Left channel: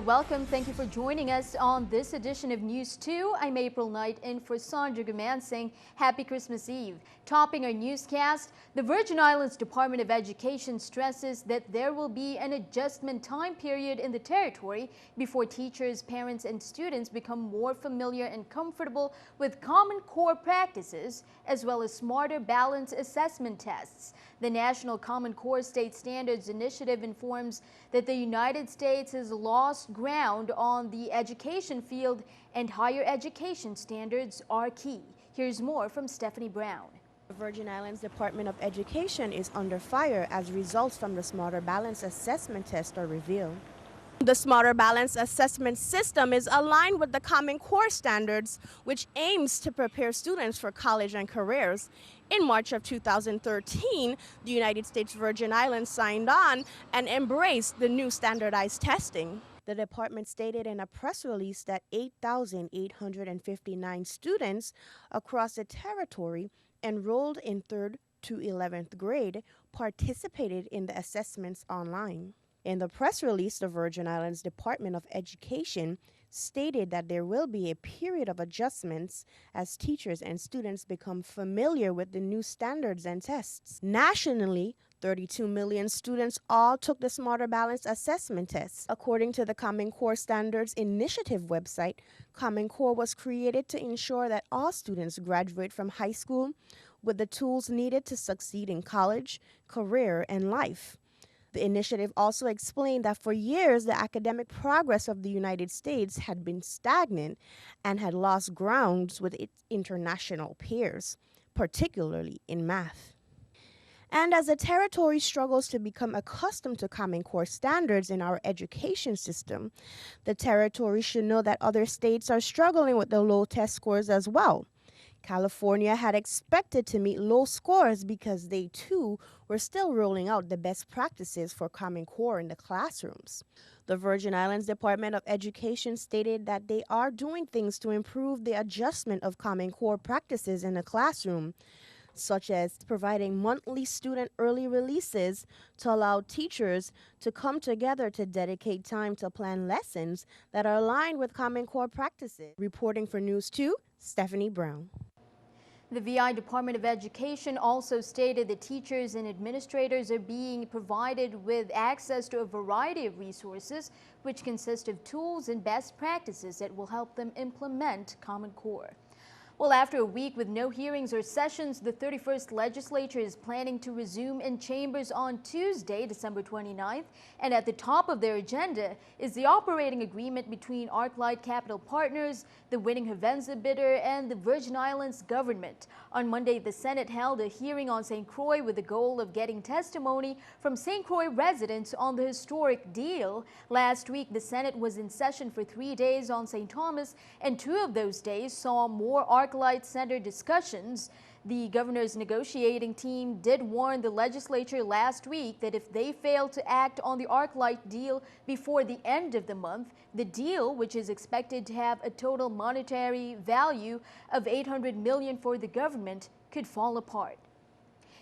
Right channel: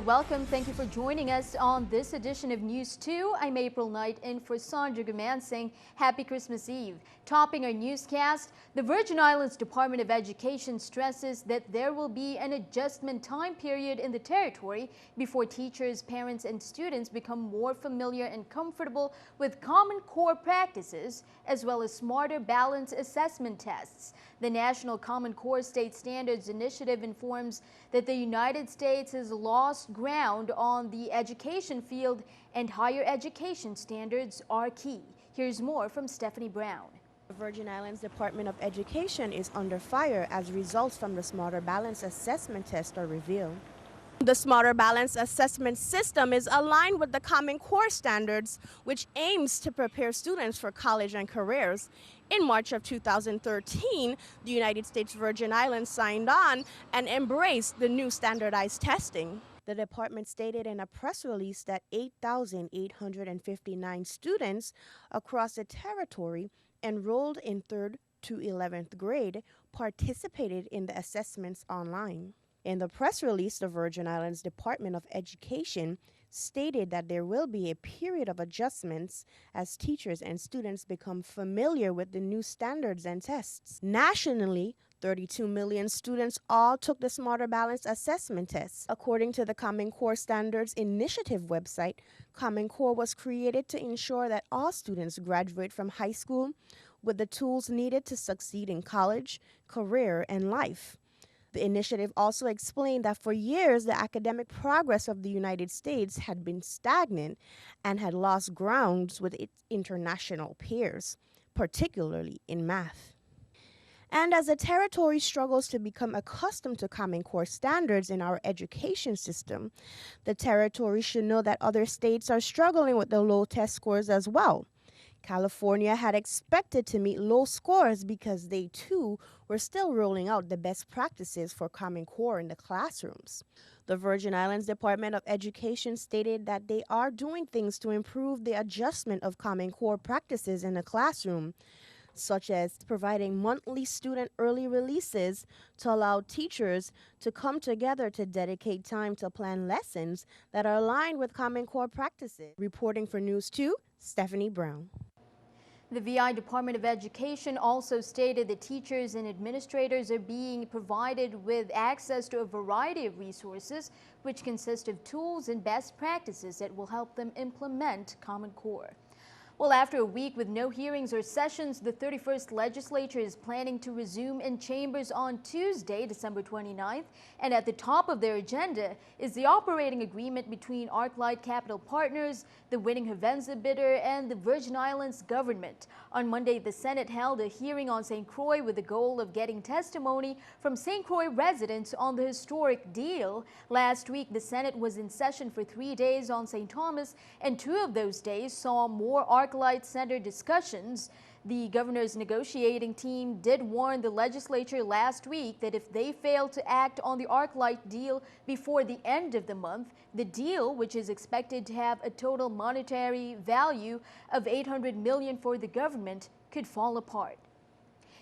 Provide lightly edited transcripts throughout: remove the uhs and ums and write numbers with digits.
welcome. Thank you for joining us on this edition of News 2. I'm April Knight in for Sandra Gumansing. Happy Christmas Eve. Topping our newscast, the Virgin Islands Department of Education stresses that there will be an adjustment time period in the territory before teachers, parents, and students become more familiar and comfortable with Common Core practices, as well as smarter balanced assessment tests. The National Common Core State Standards Initiative informs that the United States has lost ground on the education field and higher education standards are key. Here's more from Stephanie Brown. The Virgin Islands Department of Education is under fire as results from the Smarter Balance Assessment Test are revealed. The Smarter Balance Assessment System is aligned with the Common Core standards, which aims to prepare students for college and careers. In March of 2013, the United States Virgin Islands signed on and embraced the new standardized testing. The department stated in a press release that 8,859 students across the territory enrolled in 3rd to 11th grade participated in the assessments online. In the press release, the Virgin Islands Department of Education stated that there will be a period of adjustments as teachers and students become familiar with the new standards and tests. Nationally, 32 million students all took the Smarter Balance Assessment Test. According to the Common Core Standards Initiative website, Common Core was created to ensure that all students graduate from high school with the tools needed to succeed in college, career, and life. The initiative also explained that for years, the academic progress of the United States had been stagnant and had lost grounds with its international peers, particularly in math. And as the territory struggles to become accustomed to Common Core standards in our education system, the territory should know that other states are struggling with the low test scores as well. California had expected to meet low scores because they too were still rolling out the best practices for Common Core in the classrooms. The Virgin Islands Department of Education stated that they are doing things to improve the adjustment of Common Core practices in the classroom, such as providing monthly student early releases to allow teachers to come together to dedicate time to plan lessons that are aligned with Common Core practices. Reporting for News 2, Stephanie Brown. The VI Department of Education also stated that teachers and administrators are being provided with access to a variety of resources, which consist of tools and best practices that will help them implement Common Core. Well, after a week with no hearings or sessions, the 31st Legislature is planning to resume in chambers on Tuesday, December 29th, and at the top of their agenda is the operating agreement between ArcLight Capital Partners, the winning Havenza bidder, and the Virgin Islands government. On Monday, the Senate held a hearing on St. Croix with the goal of getting testimony from St. Croix residents on the historic deal. Last week, the Senate was in session for 3 days on St. Thomas, and 2 of those days saw more ArcLight Center discussions. The governor's negotiating team did warn the legislature last week that if they fail to act on the ArcLight deal before the end of the month, the deal, which is expected to have a total monetary value of $800 million for the government, could fall apart.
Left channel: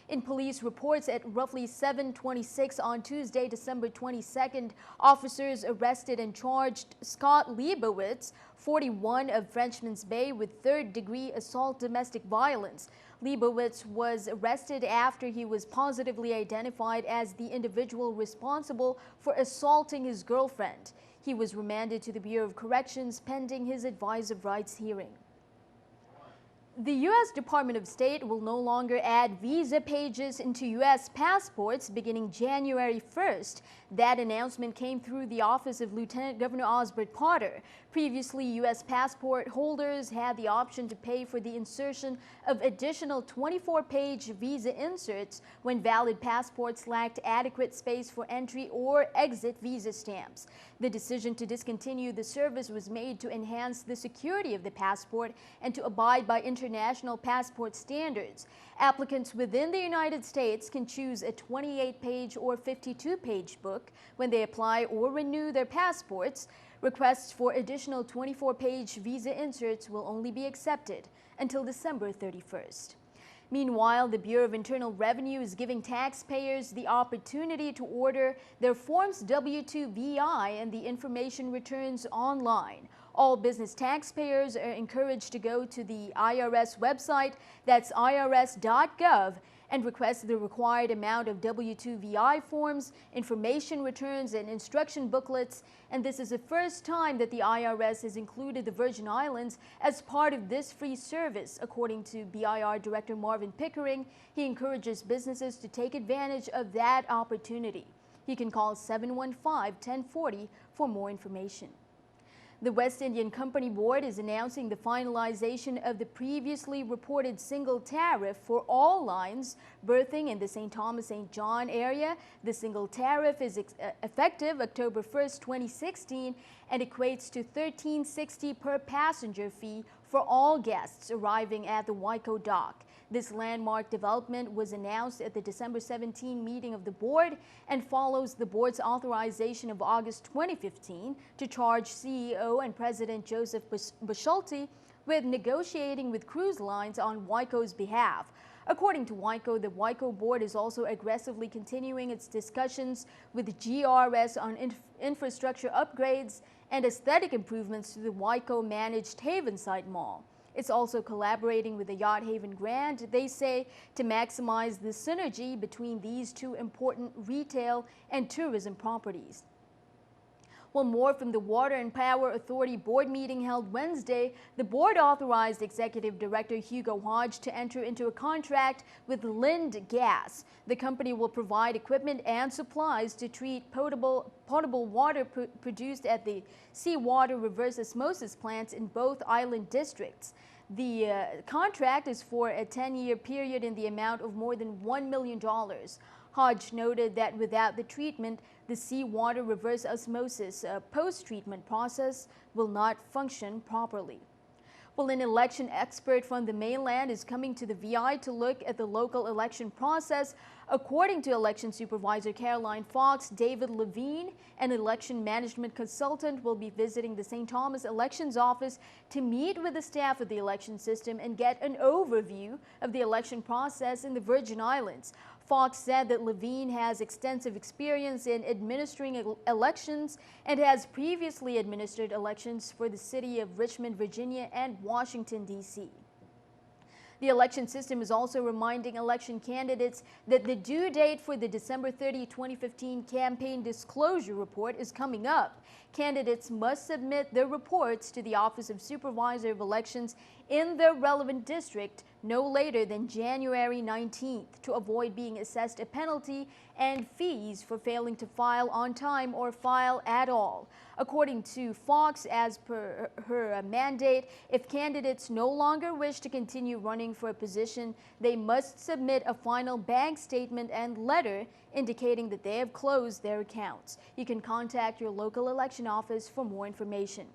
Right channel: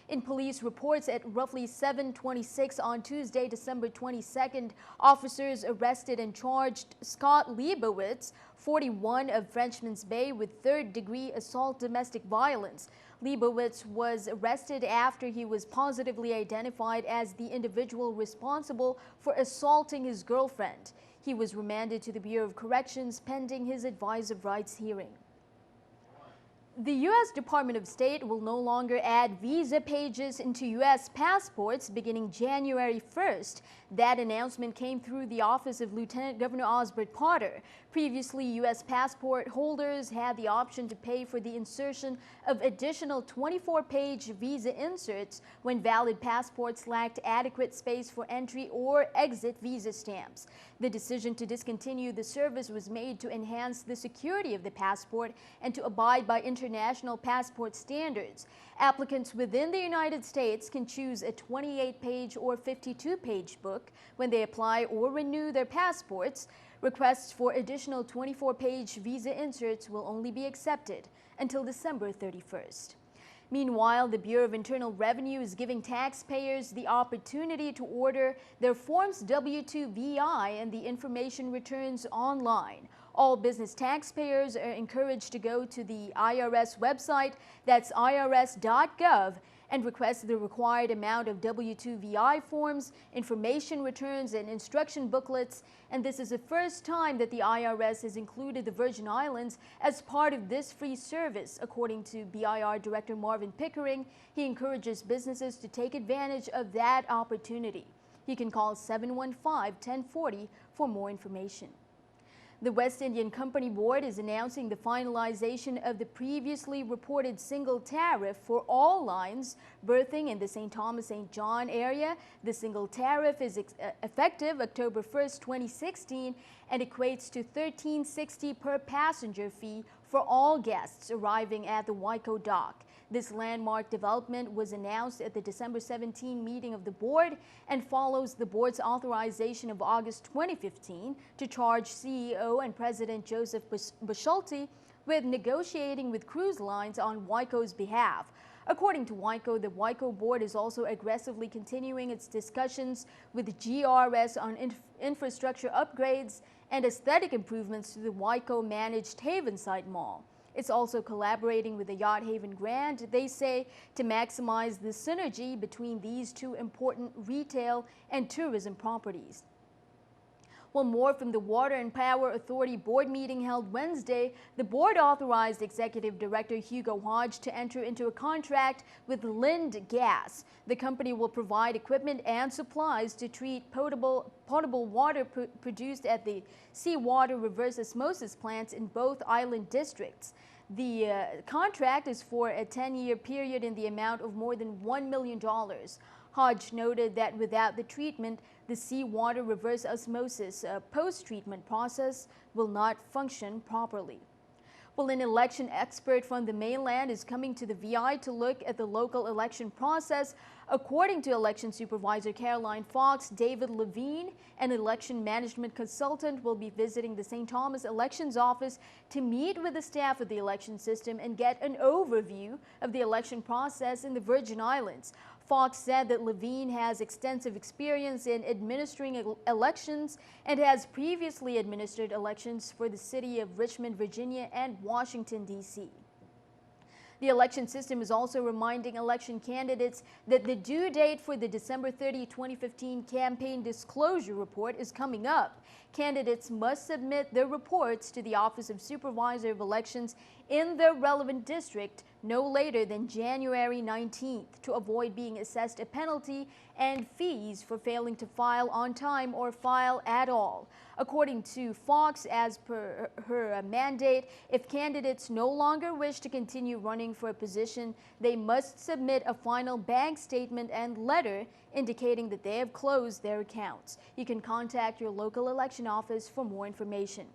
In police reports at roughly 7:26 on Tuesday, December 22nd, officers arrested and charged Scott Leibowitz, 41, of Frenchman's Bay, with third-degree assault domestic violence. Leibowitz was arrested after he was positively identified as the individual responsible for assaulting his girlfriend. He was remanded to the Bureau of Corrections pending his advice of rights hearing. The U.S. Department of State will no longer add visa pages into U.S. passports beginning January 1st. That announcement came through the office of Lieutenant Governor Osbert Potter. Previously, U.S. passport holders had the option to pay for the insertion of additional 24-page visa inserts when valid passports lacked adequate space for entry or exit visa stamps. The decision to discontinue the service was made to enhance the security of the passport and to abide by international passport standards. Applicants within the United States can choose a 28-page or 52-page book when they apply or renew their passports. Requests for additional 24-page visa inserts will only be accepted until December 31st. Meanwhile, the Bureau of Internal Revenue is giving taxpayers the opportunity to order their Forms W-2 VI and the information returns online. All business taxpayers are encouraged to go to the IRS website, that's irs.gov, and request the required amount of W-2 VI forms, information returns, and instruction booklets. And this is the first time that the IRS has included the Virgin Islands as part of this free service. According to BIR Director Marvin Pickering, he encourages businesses to take advantage of that opportunity. You can call 715-1040 for more information. The West Indian Company Board is announcing the finalization of the previously reported single tariff for all lines berthing in the St. Thomas-St. John area. The single tariff is effective October 1st, 2016, and equates to $13.60 per passenger fee for all guests arriving at the Waiko dock. This landmark development was announced at the December 17 meeting of the board and follows the board's authorization of August 2015 to charge CEO and President Joseph Bushalty with negotiating with cruise lines on Waiko's behalf. According to Waiko, the Waiko board is also aggressively continuing its discussions with GRS on infrastructure upgrades and aesthetic improvements to the Waiko-managed Havenside Mall. It's also collaborating with the Yacht Haven Grand, they say, to maximize the synergy between these two important retail and tourism properties. Well, more from the Water and Power Authority board meeting held Wednesday. The board authorized Executive Director Hugo Hodge to enter into a contract with Lind Gas. The company will provide equipment and supplies to treat potable water produced at the seawater reverse osmosis plants in both island districts. The contract is for a 10-year period in the amount of more than $1 million. Hodge noted that without the treatment, the seawater reverse osmosis post-treatment process will not function properly. Well, an election expert from the mainland is coming to the VI to look at the local election process. According to election supervisor Caroline Fox, David Levine, an election management consultant, will be visiting the St. Thomas Elections Office to meet with the staff of the election system and get an overview of the election process in the Virgin Islands. Fox said that Levine has extensive experience in administering elections and has previously administered elections for the city of Richmond, Virginia, and Washington, D.C. The election system is also reminding election candidates that the due date for the December 30, 2015 campaign disclosure report is coming up. Candidates must submit their reports to the Office of Supervisor of Elections in their relevant district no later than January 19th to avoid being assessed a penalty and fees for failing to file on time or file at all. According to Fox, as per her mandate, if candidates no longer wish to continue running for a position, they must submit a final bank statement and letter indicating that they have closed their accounts. You can contact your local election office for more information.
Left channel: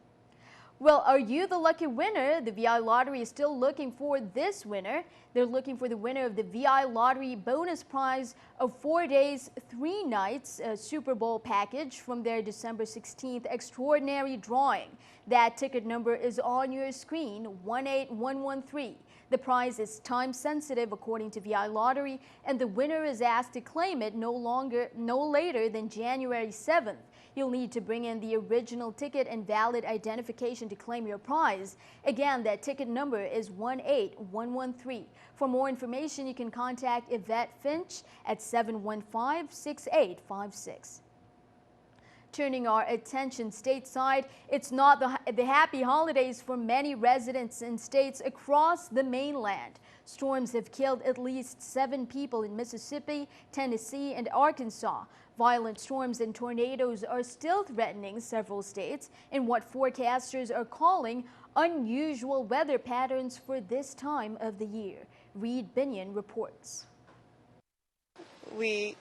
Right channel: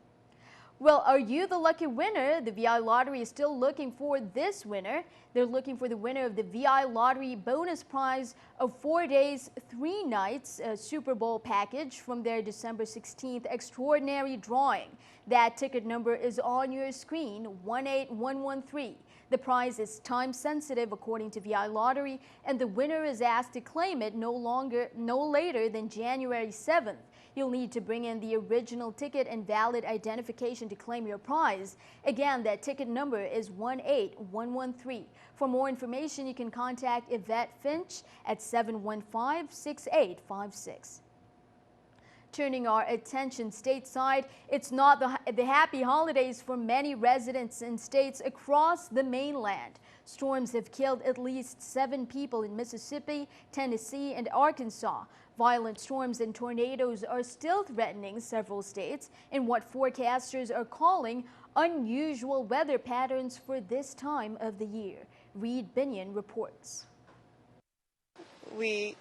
Well, are you the lucky winner? The VI Lottery is still looking for this winner. They're looking for the winner of the VI Lottery bonus prize of 4 days, 3 nights Super Bowl package from their December 16th extraordinary drawing. That ticket number is on your screen, 18113. The prize is time sensitive according to VI Lottery, and the winner is asked to claim it no later than January 7th. You'll need to bring in the original ticket and valid identification to claim your prize. Again, that ticket number is 18113. For more information, you can contact Yvette Finch at 715-6856. Turning our attention stateside, it's not the happy holidays for many residents in states across the mainland. Storms have killed at least 7 people in Mississippi, Tennessee, and Arkansas. Violent storms and tornadoes are still threatening several states in what forecasters are calling unusual weather patterns for this time of the year. Reed Binion reports. We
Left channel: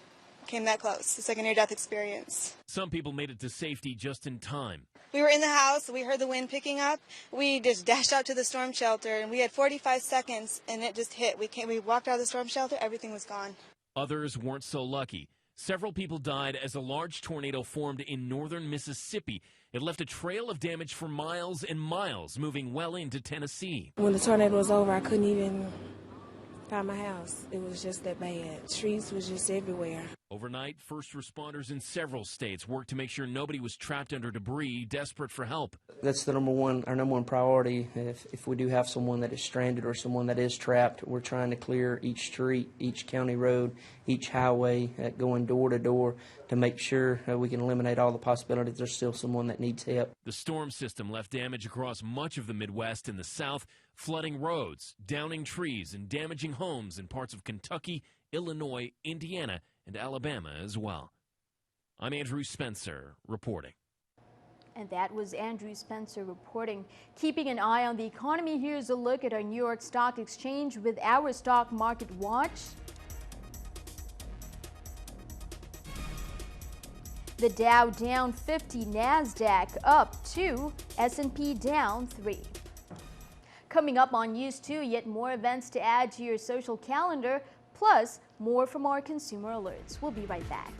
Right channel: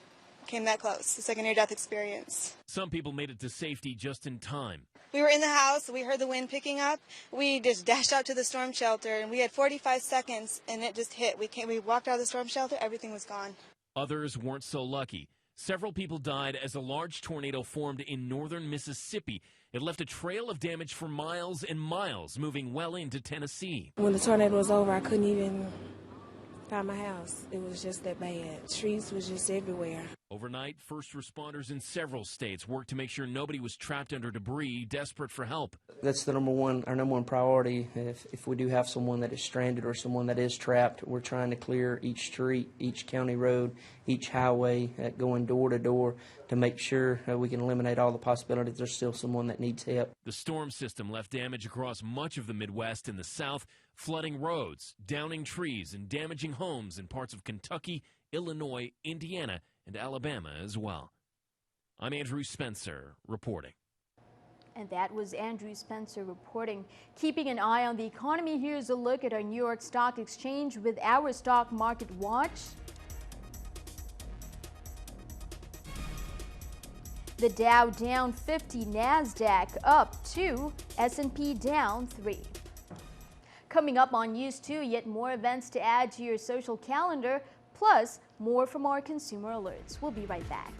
came that close, the second near-death experience. Some people made it to safety just in time. We were in the house, we heard the wind picking up, we just dashed out to the storm shelter, and we had 45 seconds, and it just hit. We walked out of the storm shelter, everything was gone. Others weren't so lucky. Several people died as a large tornado formed in northern Mississippi. It left a trail of damage for miles and miles, moving well into Tennessee. When the tornado was over, I couldn't by my house. It was just that bad. Streets was just everywhere. Overnight, first responders in several states worked to make sure nobody was trapped under debris, desperate for help. That's our number one priority. If we do have someone that is stranded or someone that is trapped, we're trying to clear each street, each county road, each highway, going door to door to make sure we can eliminate all the possibilities there's still someone that needs help. The storm system left damage across much of the Midwest and the South, flooding roads, downing trees, and damaging homes in parts of Kentucky, Illinois, Indiana, and Alabama as well. I'm Andrew Spencer reporting. And that was Andrew Spencer reporting. Keeping an eye on the economy, here's a look at our New York Stock Exchange with our Stock Market Watch. The Dow down 50, NASDAQ up 2, S&P down 3. Coming up on NEWS2, yet more events to add to your social calendar, plus more from our consumer alerts. We'll be right back.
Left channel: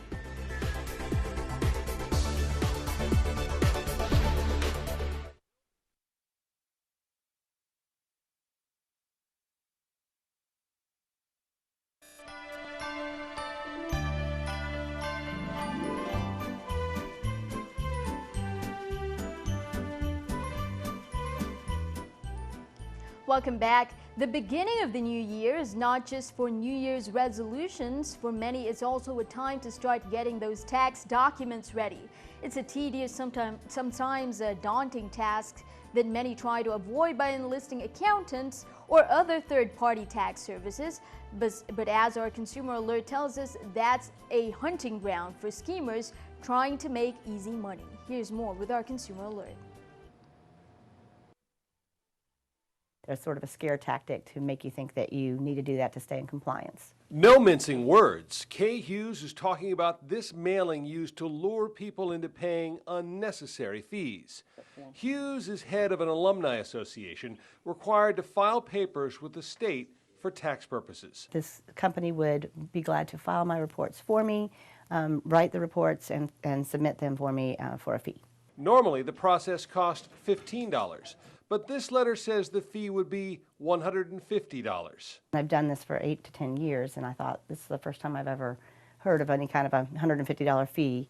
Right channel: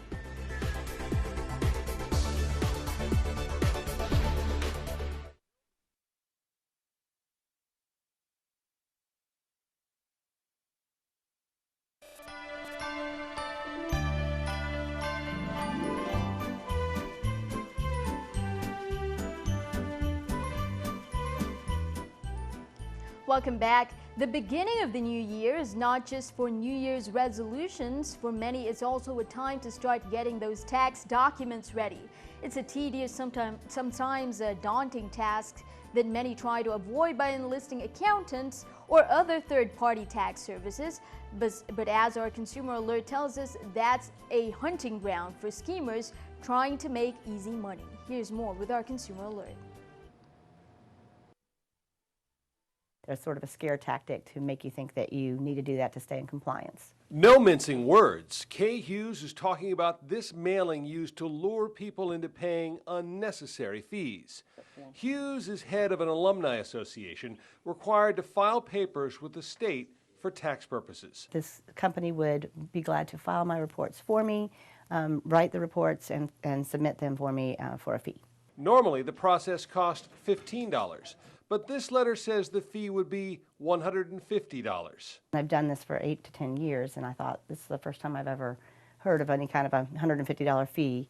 Welcome back. The beginning of the new year is not just for New Year's resolutions. For many, it's also a time to start getting those tax documents ready. It's a tedious, sometimes a daunting task that many try to avoid by enlisting accountants or other third-party tax services. But as our consumer alert tells us, that's a hunting ground for schemers trying to make easy money. Here's more with our consumer alert. There's sort of a scare tactic to make you think that you need to do that to stay in compliance. No mincing words. Kay Hughes is talking about this mailing used to lure people into paying unnecessary fees. Hughes is head of an alumni association required to file papers with the state for tax purposes. This company would be glad to file my reports for me, write the reports, and submit them for me for a fee. Normally, the process cost $15. But this letter says the fee would be $150. I've done this for 8 to 10 years, and I thought this is the first time I've ever heard of any kind of a $150 fee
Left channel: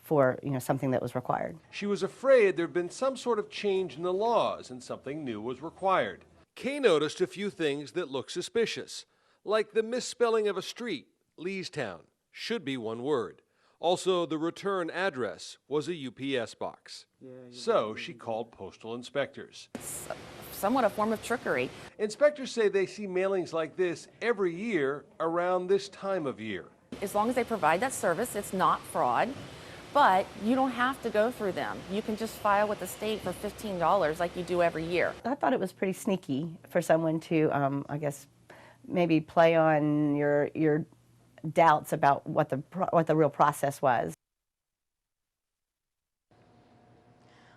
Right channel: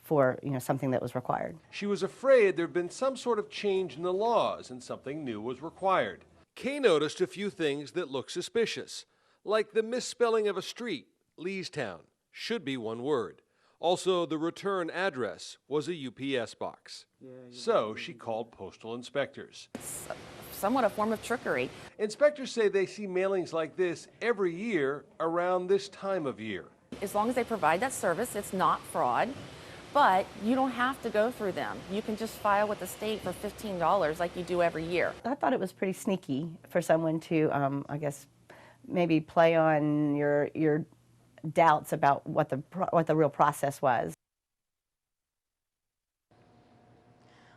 for something that was required. She was afraid there'd been some sort of change in the laws and something new was required. Kay noticed a few things that look suspicious, like the misspelling of a street, Leestown, should be one word. Also, the return address was a UPS box. So she called postal inspectors. Somewhat a form of trickery. Inspectors say they see mailings like this every year around this time of year. As long as they provide that service, it's not fraud. But you don't have to go through them. You can just file with the state for $15 like you do every year. I thought it was pretty sneaky for someone to, I guess, maybe play on your doubts about what the real process was.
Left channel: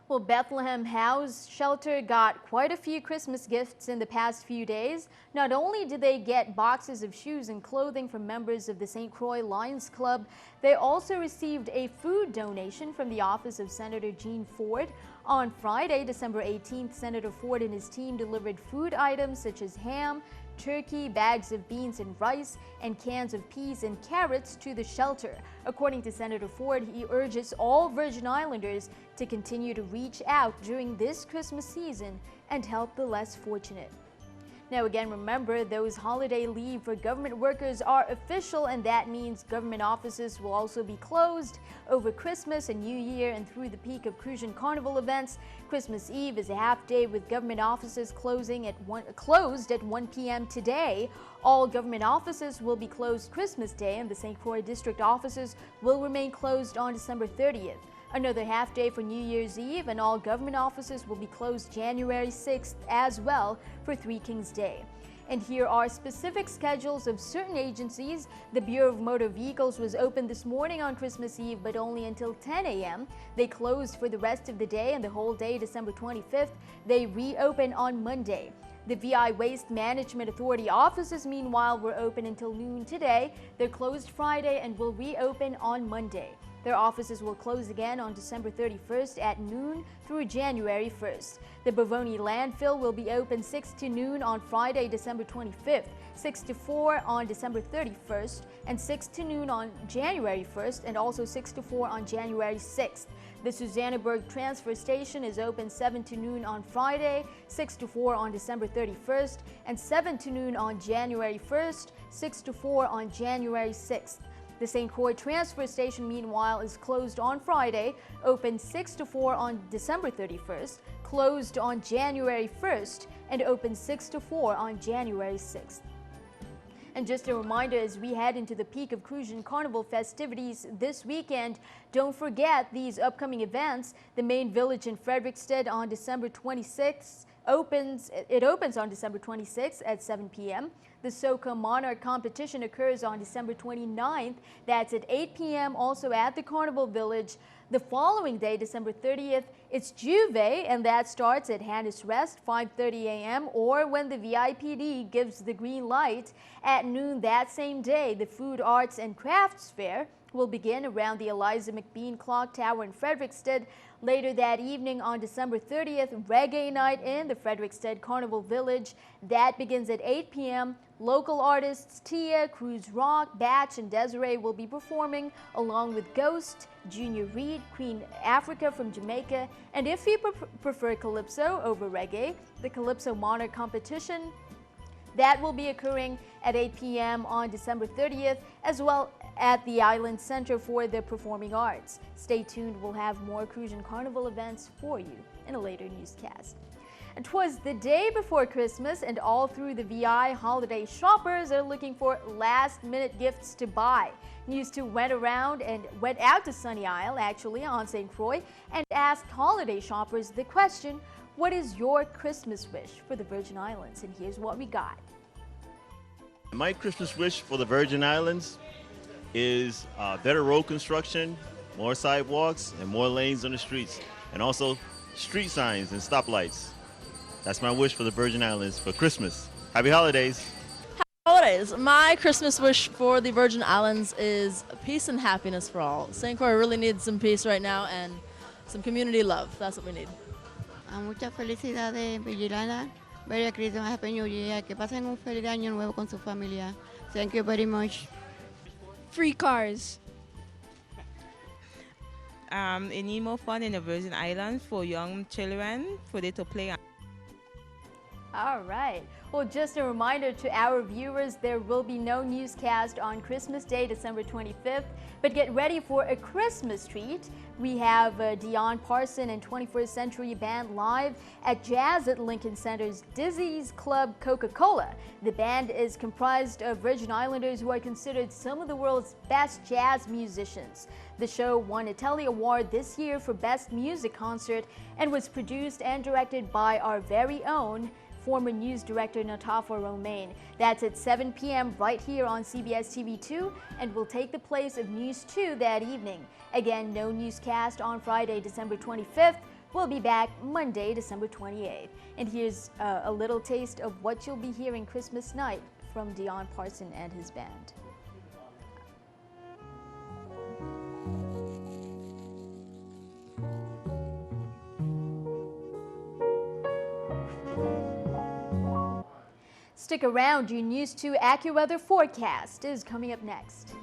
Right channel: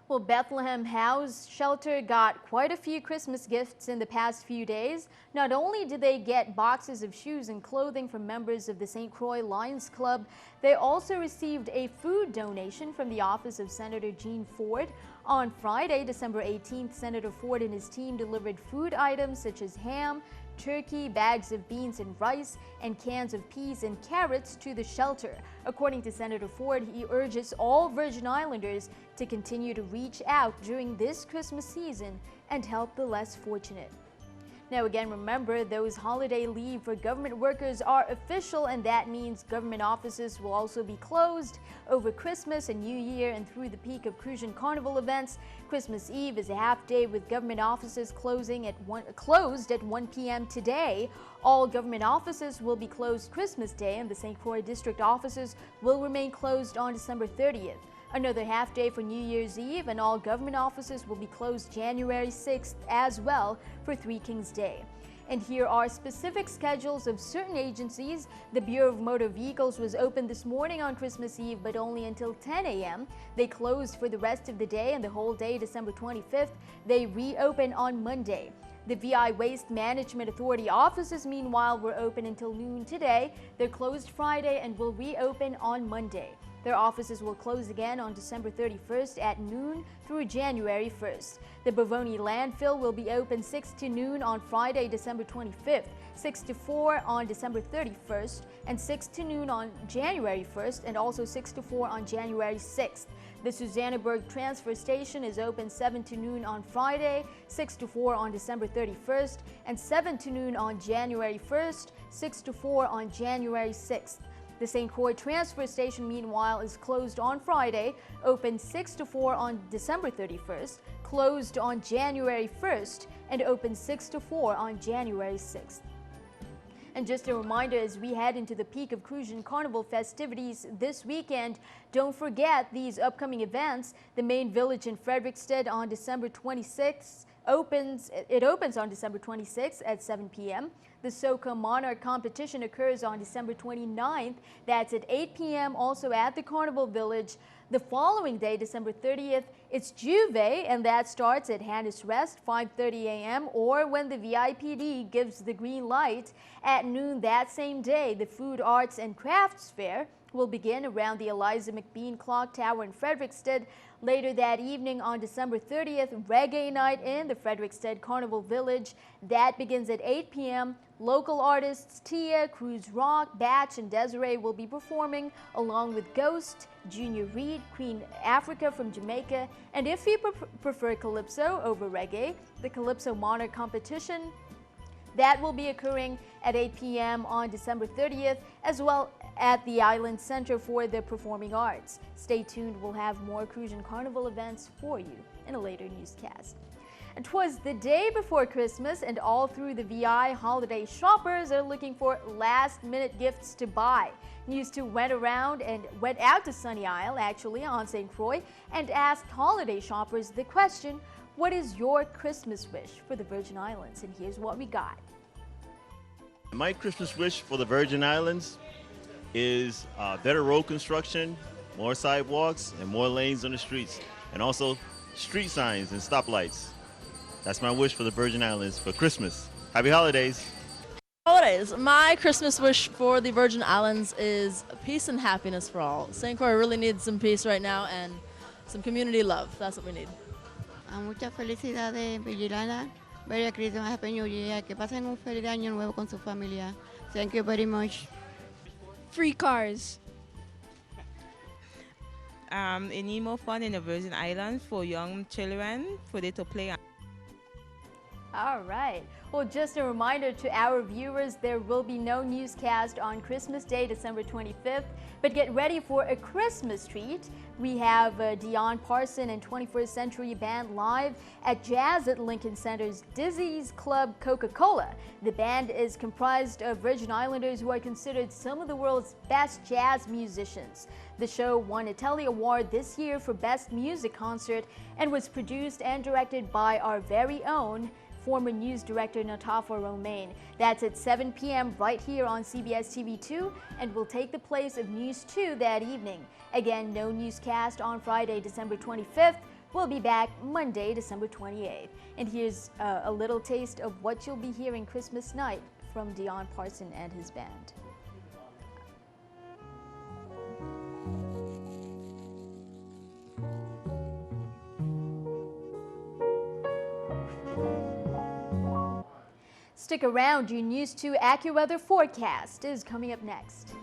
Well, Bethlehem House Shelter got quite a few Christmas gifts in the past few days. Not only did they get boxes of shoes and clothing from members of the St. Croix Lions Club, they also received a food donation from the office of Senator Gene Ford. On Friday, December 18th, Senator Ford and his team delivered food items such as ham, turkey, bags of beans and rice, and cans of peas and carrots to the shelter. According to Senator Ford, he urges all Virgin Islanders to continue to reach out during this Christmas season and help the less fortunate. Now again, remember, those holiday leave for government workers are official, and that means government offices will also be closed over Christmas and New Year and through the peak of Cruise and Carnival events. Christmas Eve is a half day with government offices closed at 1 p.m. today. All government offices will be closed Christmas Day, and the St. Croix district offices will remain closed on December 30th. Another half day for New Year's Eve, and all government offices will be closed January 6th as well for Three Kings Day. And here are specific schedules of certain agencies. The Bureau of Motor Vehicles was open this morning on Christmas Eve, but only until 10 a.m. They closed for the rest of the day, and the whole day, December 25th, they reopen on Monday. The VI Waste Management Authority offices, meanwhile, were open until noon today. They're closed Friday and will reopen on Monday. Their offices will close again on December 31st at noon through January 1st. The Bavoni landfill will be open 6 to noon on Friday, December 25th, 6 to 4 on December 31st, and 6 to noon on January 1st, and also 6 to 4 on January 6th. The Susannaburg Transfer Station is open 7 to noon on Friday, 6 to 4 on December 31st, and 7 to noon on January 1st, 6 to 4 on January 6th. The St. Croix Transfer Station, meanwhile, is closed on Friday, open 6 to 4 on December 31st, closed on January 1st, and open 6 to 4 on January 6th. And just a reminder, as we head into the peak of Crucian Carnival festivities this weekend, don't forget these upcoming events. The main village in Frederiksted on December 26th opens on December 26th at 7 p.m. The Soca Monarch competition occurs on December 29th. That's at 8 p.m. also at the Carnival Village. The following day, December 30th, it's Juve, and that starts at Hannes Rest, 5:30 a.m., or when the VIPD gives the green light at noon that same day. The Food, Arts, and Crafts Fair will begin around the Eliza McBean Clock Tower in Frederiksted. Later that evening on December 30th, Reggae Night in the Frederiksted Carnival Village. That begins at 8 p.m. Local artists Tia, Cruz Rock, Batch, and Desiree will be performing, along with Ghost, Junior Reed, Queen Africa from Jamaica, and if you prefer Calypso over Reggae, the Calypso Monarch competition, that will be occurring at 8 p.m. on December 30th, as well at the Island Center for the Performing Arts. Stay tuned, we'll have more Crucian Carnival events for you in a later newscast. And 'twas the day before Christmas, and all through the VI, holiday shoppers are looking for last-minute gifts to buy. NEWS2 went out to Sunny Isle, actually, on St. Croix, and asked holiday shoppers the question, what is your Christmas wish for the Virgin Islands? And here's what we got. My Christmas wish for the Virgin Islands is better road construction, more sidewalks, and more lanes on the streets, and also street signs and stoplights. That's my wish for the Virgin Islands for Christmas. Happy holidays. Holidays. My Christmas wish for the Virgin Islands is peace and happiness for all. St. Croix really needs some peace right now and some community love. That's what we need. Muchas felicidades, Virgin Island. Merry Christmas, Happy New Year. Que pasen un feliz año nuevo con su familia. Thank you very much. Free cars. It need more fun in the Virgin Islands for young children, for them to play. All right. Well, just a reminder to our viewers, there will be no newscast on Christmas Day, December 25th, but get ready for a Christmas treat. We have Dion Parson and 21st Century Band live at Jazz at Lincoln Center's Dizzy's Club Coca-Cola. The band is comprised of Virgin Islanders who are considered some of the world's best jazz musicians. The show won a Telly Award this year for Best Music Concert and was produced and directed by our very own former news director Natafa Romaine. That's at 7 p.m. right here on CBS TV2 and will take the place of NEWS2 that evening. Again, no newscast on Friday, December 25th. We'll be back Monday, December 28th. And here's a little taste of what you'll be hearing Christmas night from Dion Parson and his band. Stick around, your NEWS2 AccuWeather forecast is coming up next.